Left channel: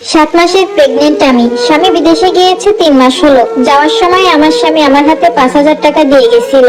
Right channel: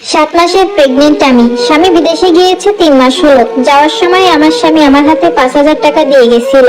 7 মাসের প্রেগনেন্ট আমি। স্বামী বিদেশে গিয়েছে 3 মাস হলো। যাওয়ার সময় আমার স্বামী আমার হাতে 5,000 টাকা দিয়ে গেছিল।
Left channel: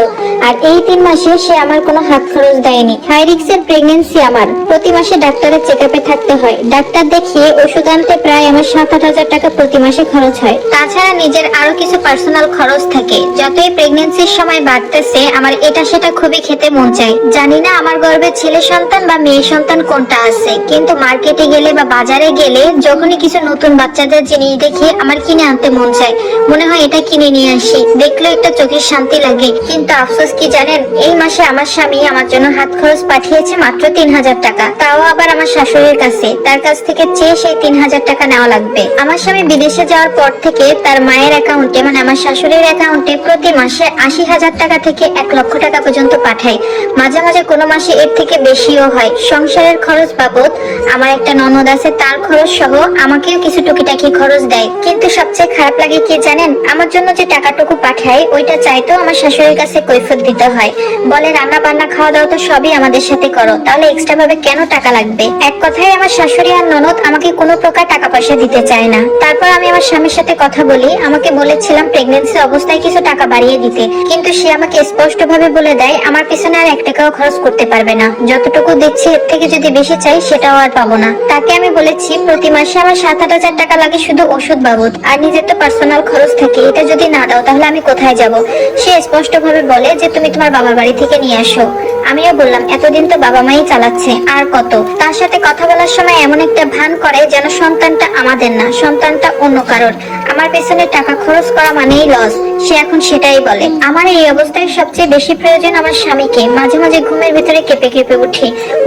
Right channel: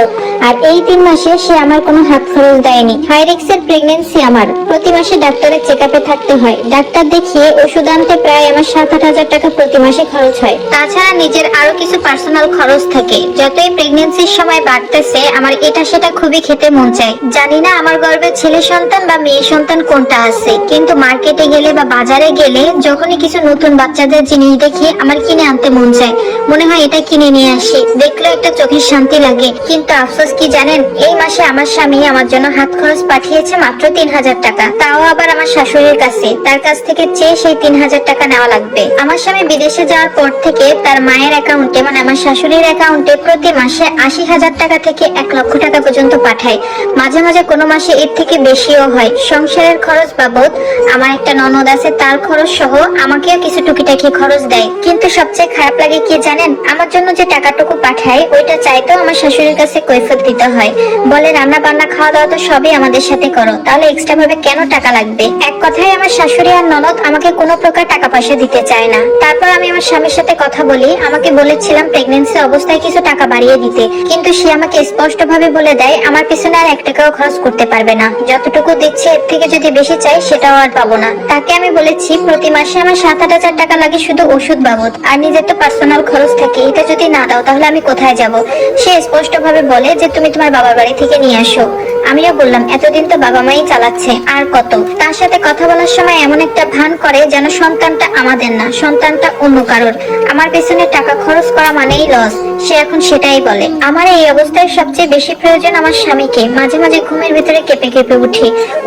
আর এই 3 মাসে সে আমার কোনো হাত খরচ দেয়নি। হাই রিস্কের প্রেগনেন্সি আমার। প্রতি মাসে ডাক্তারের চেকআপে থাকতে হয়। ডাক্তার দেখিয়ে ওষুধ আনতে প্রায় আমার 7-8 হাজার টাকা প্রতি মাসে খরচ হয়। তাছাড়া নিজের আরো কিছু পার্সোনাল খরচ থাকে। যতই প্রেগনেন্সির সময় বাড়তেছে আমার এটা সেটা খুবই খেতে মন চায়। জানি না আমার গর্ভে ছেলে সন্তান বা মেয়ে সন্তান কোনটা আছে, কিন্তু মার্কেটে গেলে বা বাজারে গেলে যখনই কিছু নতুন বাচ্চাদের জিনিস দেখি আমার কিনে আনতে মন চায়। মনে হয় এটা কিনে নিয়ে আসি, দেখলে একটা চোখের শান্তি লাগে। কিন্তু আফসোস কি জানেন, এই মাসে আমার স্বামী আমার জন্য হাত খরচ পাঠিয়েছে মাত্র 3,000 টাকা, তাও আবার আমার শাশুড়ির কাছে। তার কাছ থেকে চেয়ে সেই 3,000 টাকা নেওয়া লাগবে। আমার স্বামী বিদেশে যাওয়ার পর থেকে তার মায়ের অ্যাকাউন্টে, মানে আমার শাশুড়ির অ্যাকাউন্টে প্রতি মাসে 80,000 টাকা থেকে 1 লক্ষ টাকা পর্যন্ত পাঠায়। মাঝে মাঝে কোনো মাসে এর থেকে বেশিও হয়। সংসারের খরচ বাবদ আমার একটা ননদ আছে, তার খরচ সহ আমাকেও কিছু টুকিটাকি খরচ দেয়। কিন্তু সবচেয়ে খারাপ লাগে কি জানেন, আমার জন্য যে টাকাটুকু পাঠায় ওইটা চাইতেও আমার শাশুড়ির কাছে কৈফিয়ত দিতে হয়। বলে রান্না বান্না খাওয়া দাওয়া তো সবই আমাদের সাথে করো, তাহলে এক্সট্রা ভাবে কেন টাকা লাগবে। এক কথায় আমার শাশুড়ি আর ননদ আমাকে কোনো প্রকার টাকা পয়সা দিতে চায় না। তারপর আমি আমার স্বামীর সাথে কথা বলি। আমাকে বলেছিলাম প্রেগন্যান্সি অবস্থায় কিছু টাকা বাড়িয়ে দিতে, কিন্তু সে আমাকে স্পষ্ট ভাবে বলে দেয় আমার পিছনে আর 1 টাকাও খরচ করতে পারবে না। যতটুকু দিচ্ছে এর থেকে যদি বেশি চাই সেটাও আর পাবো না। তাকে আমি বলেছি প্রতি মাসে আমার 7-8 হাজার টাকা লাগে শুধু ওষুধ বাবদ, আর নিজের তো পার্সোনাল খরচ থাকে, এটা যদি না দাও তাহলে আমি কোথায় যাব। সে স্পষ্ট ভাবে বলে যে তুমি তোমার বাবার বাড়ি থেকে নিয়ে আসো। আমিও বললাম এতদিন তো বাবা মাই চালাচ্ছে, আর কত। তার সাথে কথা বলার সময় এমন একটা ভান করে যেন সন্তানটা আমাদের না, সন্তানটা অন্য কারোর। আমার পেছনে টাকা খরচ করা মানেই লস, সে এখন সেটাই বলে। আমার এই অবস্থায় সবচেয়ে বেশি প্রয়োজন আমার স্বামীকে। মাঝে মাঝে ঘুমের ভিতরে কেঁপে কেঁপে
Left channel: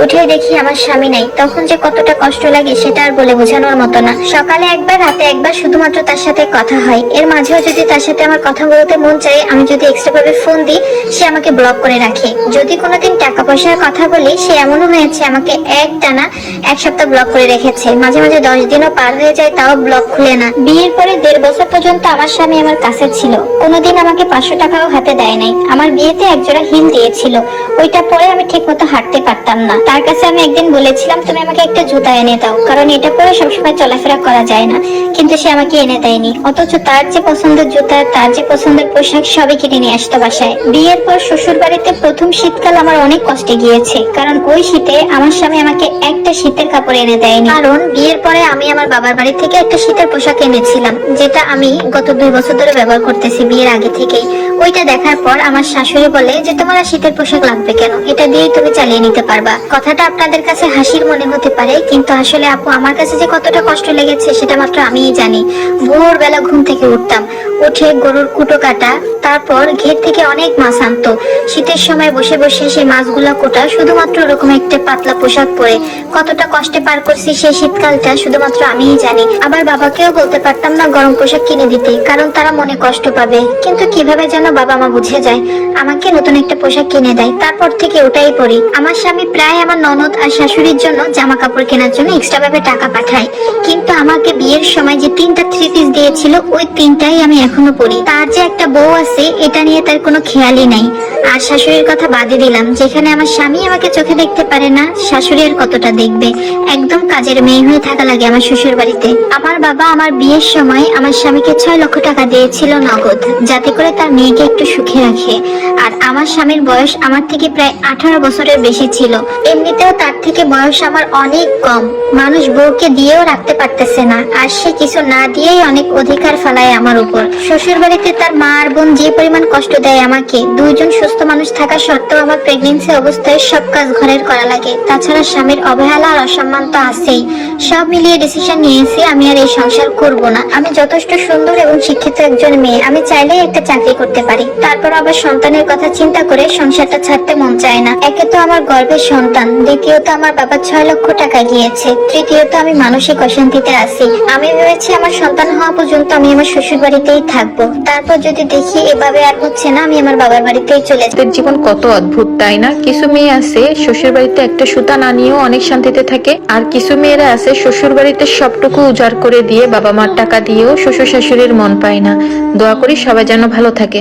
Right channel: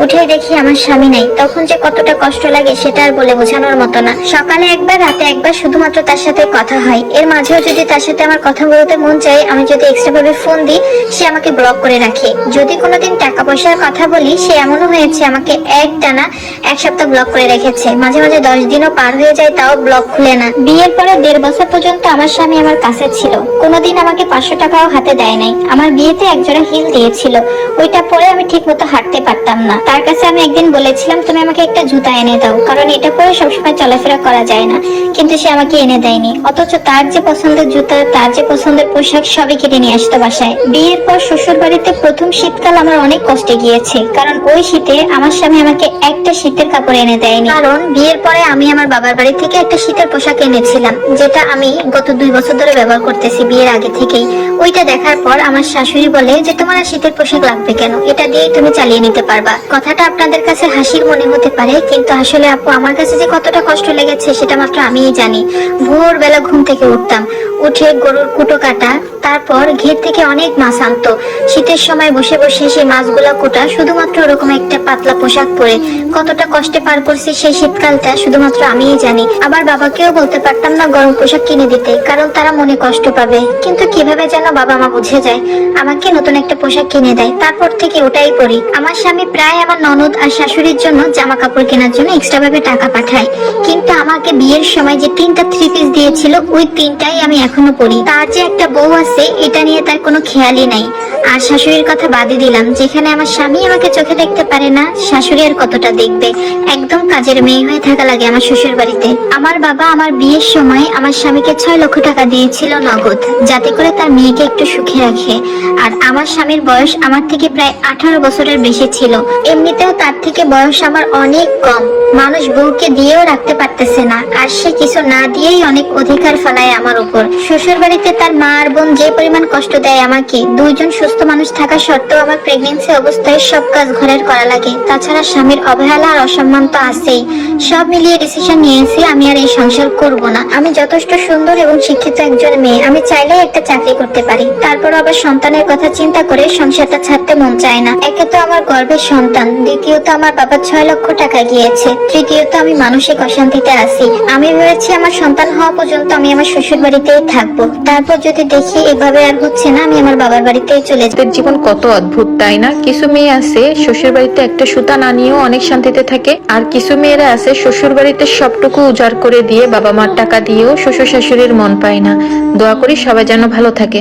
উঠে দেখি আমার স্বামী নাই, তখন যে কতটা কষ্ট লাগে সেটা আর বলে বোঝানোর মতো না। সকালে একবার, রাতে একবার শুধুমাত্র তার সাথে কথা হয়। এর মাঝেও যদি তার সাথে আমার কথা বলতে মন চায়, আমি যদি এক্সট্রা ভাবে ফোন দিই সে আমাকে ব্লক করে রাখে। যদি কোনোদিন টাকা পয়সার কথা বলি, সে এমনও হয়েছে আমাকে একটানা 1 সপ্তাহ ব্লক করে রেখেছে। মাঝে মাঝে 10 দিনও পার হয়ে যায়, তাও ব্লক খুলে না। বিয়ের পরে 1.5 বছর পর্যন্ত আমার স্বামী আমার কাছে ছিল, কোনোদিন আমাকে 500 টাকাও হাতে দেয় নাই। আমার বিয়েতে একজোড়া হিল দিয়েছিল, ওইটা পরে আমি ঠিক মতো হাঁটতে পারতাম না। তার কাছে আমি একদিন বলেছিলাম তুমি আমাকে একটা জুতা এনে দাও, কারণ এটা পরে সবসময় চলাফেরা করা যায় না, কিন্তু সে আমাকে এনে দেয়নি। অথচ তার যে পছন্দের জুতা, তার যে পছন্দের পোশাক সবই কিনে নিয়ে আসতো বাসায়। বিয়ের পর শ্বশুর বাড়িতে প্রথম শীতকাল আমার অনেক কষ্টে গিয়েছে, কারণ ওই শীতে আমার স্বামী আমাকে একটা শীতের কাপড় এনে দেয়নি। কারণ বিয়ের পরে আমি আমার বাবার বাড়ি থেকে একটা শীতের পোশাক এনেছিলাম, যেটা আমি গত 2 বছর ধরে ব্যবহার করতেছি বিয়ের আগে থেকেই। ওইটা দেখার পর আমার শাশুড়ি বলে যে তোমার আর শীতের পোশাক লাগবে কেন, এটা দিয়েই তুমি চালিয়ে নিতে পারবা। কথাটা আপনাদের কাছে হাসির মনে হতে পারে, কিন্তু আসলে আপু আমার কাছে যে কতটা কষ্ট লেগেছে সেটা মাত্র আমিই জানি। ভোরবেলা ঘুম থেকে উঠতাম, উঠে গরুর কুটো কাটা, তারপর ঘের থেকে অনেক মাছ আনতো। শীতের সময় বসে বসে সেই মাছগুলা কোটা, শুধুমাত্র ওরকম একটা পাতলা পোশাক পরে কতটা কষ্টে পার করছি সেই শীতকালটা শুধুমাত্র আমিই জানি। আবার বাবাকেও বলতে পারতাম না গরম পোশাক কিনে দিতে, কারণ তারা মনে কষ্ট পাবে। কিন্তু কিভাবে যেন বাবা মা বুঝে যায়, আমাকে নতুন একটা পোশাক কিনে দেয়। তারপর থেকে ওটাই পরি। আমার স্বামী প্রায় আমার ননদ আর শাশুড়ির জন্য জামা কাপড় কেনার জন্য এক্সট্রা ভাবে টাকা পাঠায়, কিন্তু আমাকে বিয়ের সময় যে 3টা 3 পিস দিয়েছিল ওই 3টাই আমি এখনো পরি। তার যে একটা বউ আছে এটা নিয়ে তার কোনো খেয়ালই নাই। আর শাশুড়ির কথা বাদে দিলাম, যেখানে আমার স্বামী আমাকে চোখে দেখতে পারে না, শাশুড়ি আর কতটা দেখবে। একদম কাজের মেয়ে হয়ে থাকা লাগে আমার শ্বশুর বাড়িতে। আমার বাবা আমার বিয়ের সময় আমার স্বামীকে 6 লক্ষ টাকা দিয়েছিল নগদ, যাতে করে তার মেয়েকে একটু সুখে রাখে। আর আমার স্বামীর বয়স আমার থেকে প্রায় 18 বছরের বেশি ছিল। এমনিতেও তার থেকে বয়স আমার অনেক কম। মানুষ বউকে দিয়েও রাখতে পারতেছে না, আর সে কিছু না দিয়েই অনেক অধিকার ফেলায় আমার উপর। শ্বশুর বাড়িতে তার মা আর বোন যে পরিমাণ কষ্ট দেয় আমাকে, 2 জন সুস্থ মানুষ থাকা সত্ত্বেও আমার প্রেগন্যান্সি অবস্থায় সব কাজ ঘরের করা লাগে। তাছাড়া স্বামীর অবহেলা আর অসম্মান তো আছেই। সব মিলিয়ে ডিসিশন নিয়েছি আমি আর এই সংসার করব না। আমি যথেষ্ট সুন্দর এবং শিক্ষিত একজন মেয়ে, আমি চাইলেই একটা চাকরি করতে পারি। তারপর আবার সন্তানের কথা চিন্তা করে সংসারটা ছাড়তে মন চায় না। একে তো আমার গর্ভের সন্তান, দ্বিতীয়ত আমার বাবা 6 লক্ষ টাকা গিয়েছে, তৃতীয়ত আমি মানসিক অশান্তিতে আছি। আমি ভেবেছি আমার সন্তান হওয়া পর্যন্ত আমি আমার শ্বশুর বাড়িতেই থাকবো। তারপর যদি দেখি এভাবে আর হচ্ছে না, আমি আমার বাবার বাড়িতেই চলে যাব। জীবন কত অদ্ভুত তাই না? কিছু মেয়ে আছে শ্বশুর বাড়িতে একটা সুতা না নিয়েও অনেক শান্তিতে থাকে, আর কিছু মেয়েরা আছে শ্বশুর বাড়িতে সবটুকু উজাড় করে দিয়ে বাবা মার টাকা দিয়েও শ্বশুর শাশুড়ির মন পায় না। দোয়া করি সবাই যেন ভালো থাকে।